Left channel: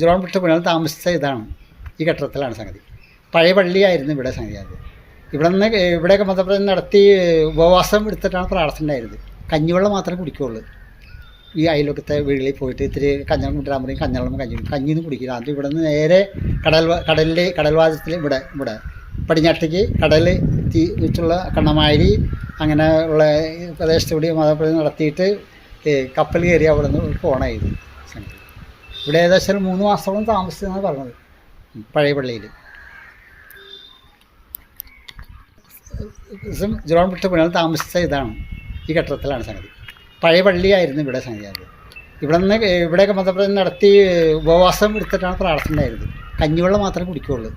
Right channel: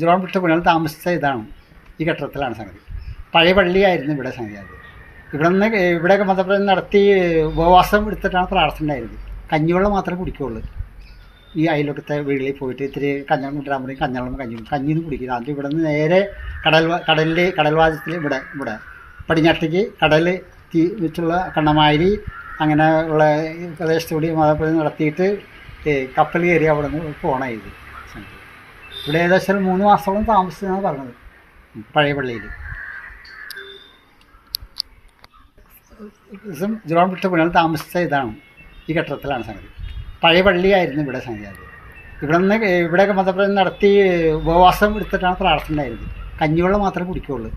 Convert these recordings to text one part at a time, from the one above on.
John വിട്ട പുണ്യാൾ താമസിച്ച ഇതാണ് ഈ കെട്ടിടത്തിലാണ് സംഗതി. പഴയ പള്ളിയായിരുന്നു ഇവിടെ സംഗതി. അത് ഇവിടെയൊക്കെ മതപ്രചരണം നടത്തി ഉപവാസം എടുത്തിട്ടാണ് പ്രാർത്ഥന ഉണ്ടായിരുന്നത്. കഞ്ഞിവെള്ളം മാത്രമേ കുടിക്കുകയുള്ളൂ. ഈ അയൽവക്കത്തെ വീടുകളിൽ പോയിട്ട് ഇത്തിരി കഞ്ഞം കൊണ്ടുവരാൻ പറയും, കഞ്ഞവെള്ളം കഞ്ഞിയൊന്നും കുടിക്കില്ല. അത് ഇവിടെ നിന്ന് നേരെ കടൽവാദത്തിൽ ഇവിടെ പടിഞ്ഞാട്ടേക്ക് കടൽ വെച്ചുള്ള കണ്ണമാരി അങ്ങനെ ഉള്ള പ്രദേശത്തുകൂടി മതപ്രചരണം നടത്തിയിട്ട് കപ്പൽ കയറി അവിടെ നിന്ന് പോകണം. ഇത് ഇവിടെ ഏകദേശം 3 മാസത്തോളം താമസിച്ചെന്നാണ് പറഞ്ഞത് പഴയ പള്ളിയിൽ. ജോൺ വിട്ട പുണ്യാൾ താമസിച്ച ഇതാണ് ഈ കെട്ടിടത്തിലാണ് സംഗതി. പഴയ പള്ളിയായിരുന്നു ഇവിടെ സംഗതി. അത് ഇവിടെയൊക്കെ മതപ്രചരണം നടത്തി ഉപവാസം എടുത്തിട്ടാണ് പ്രാർത്ഥന ഉണ്ടായിരുന്നത്. കഞ്ഞിവെള്ളം മാത്രമേ കുടിക്കുകയുള്ളൂ.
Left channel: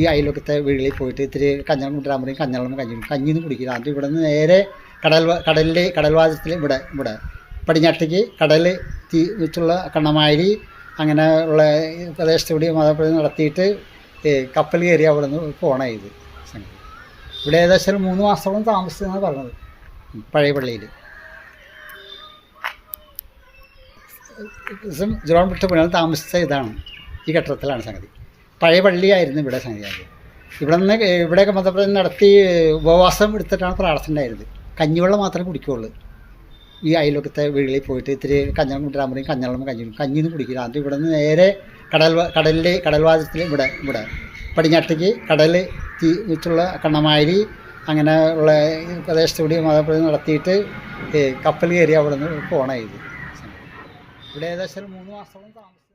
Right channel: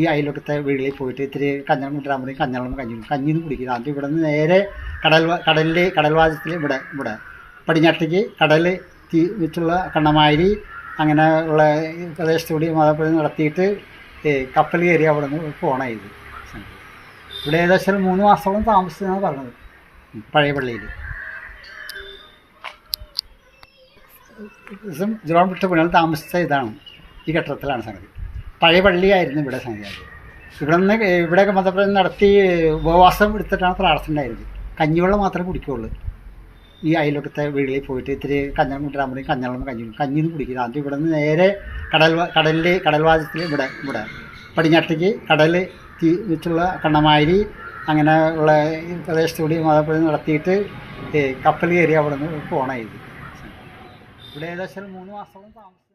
ഈ അയൽവക്കത്തെ വീടുകളിൽ പോയിട്ട് ഇത്തിരി കഞ്ഞം കൊണ്ടുവരാൻ പറയും, കഞ്ഞവെള്ളം കഞ്ഞിയൊന്നും കുടിക്കില്ല. അത് ഇവിടെ നിന്ന് നേരെ കടൽവാദത്തിൽ ഇവിടെ പടിഞ്ഞാട്ടേക്ക് കടൽ വെച്ചുള്ള കണ്ണമാരി അങ്ങനെ ഉള്ള പ്രദേശത്തുകൂടി മതപ്രചരണം നടത്തിയിട്ട് കപ്പൽ കയറി അവിടെ നിന്ന് പോകണം. ഇത് ഇവിടെ ഏകദേശം 3 മാസത്തോളം താമസിച്ചെന്നാണ് പറഞ്ഞത് പഴയ പള്ളിയിൽ. ജോൺ വിട്ട പുണ്യാൾ താമസിച്ച ഇതാണ് ഈ കെട്ടിടത്തിലാണ് സംഗതി. പഴയ പള്ളിയായിരുന്നു ഇവിടെ സംഗതി. അത് ഇവിടെയൊക്കെ മതപ്രചരണം നടത്തി ഉപവാസം എടുത്തിട്ടാണ് പ്രാർത്ഥന ഉണ്ടായിരുന്നത്. കഞ്ഞിവെള്ളം മാത്രമേ കുടിക്കുകയുള്ളൂ. ഈ അയൽവക്കത്തെ വീടുകളിൽ പോയിട്ട് ഇത്തിരി കഞ്ഞം കൊണ്ടുവരാൻ പറയും, കഞ്ഞവെള്ളം കഞ്ഞിയൊന്നും കുടിക്കില്ല. അത് ഇവിടെ നിന്ന് നേരെ കടൽവാദത്തിൽ ഇവിടെ പടിഞ്ഞാട്ടേക്ക് കടൽ വെച്ചുള്ള കണ്ണമാരി അങ്ങനെ ഉള്ള പ്രദേശത്തുകൂടി മതപ്രചരണം നടത്തിയിട്ട് കപ്പൽ കയറി അവിടെ നിന്ന് പോകണം. ഇത് ഇവിടെ ഏകദേശം 3 മാസത്തോളം താമസിച്ചു.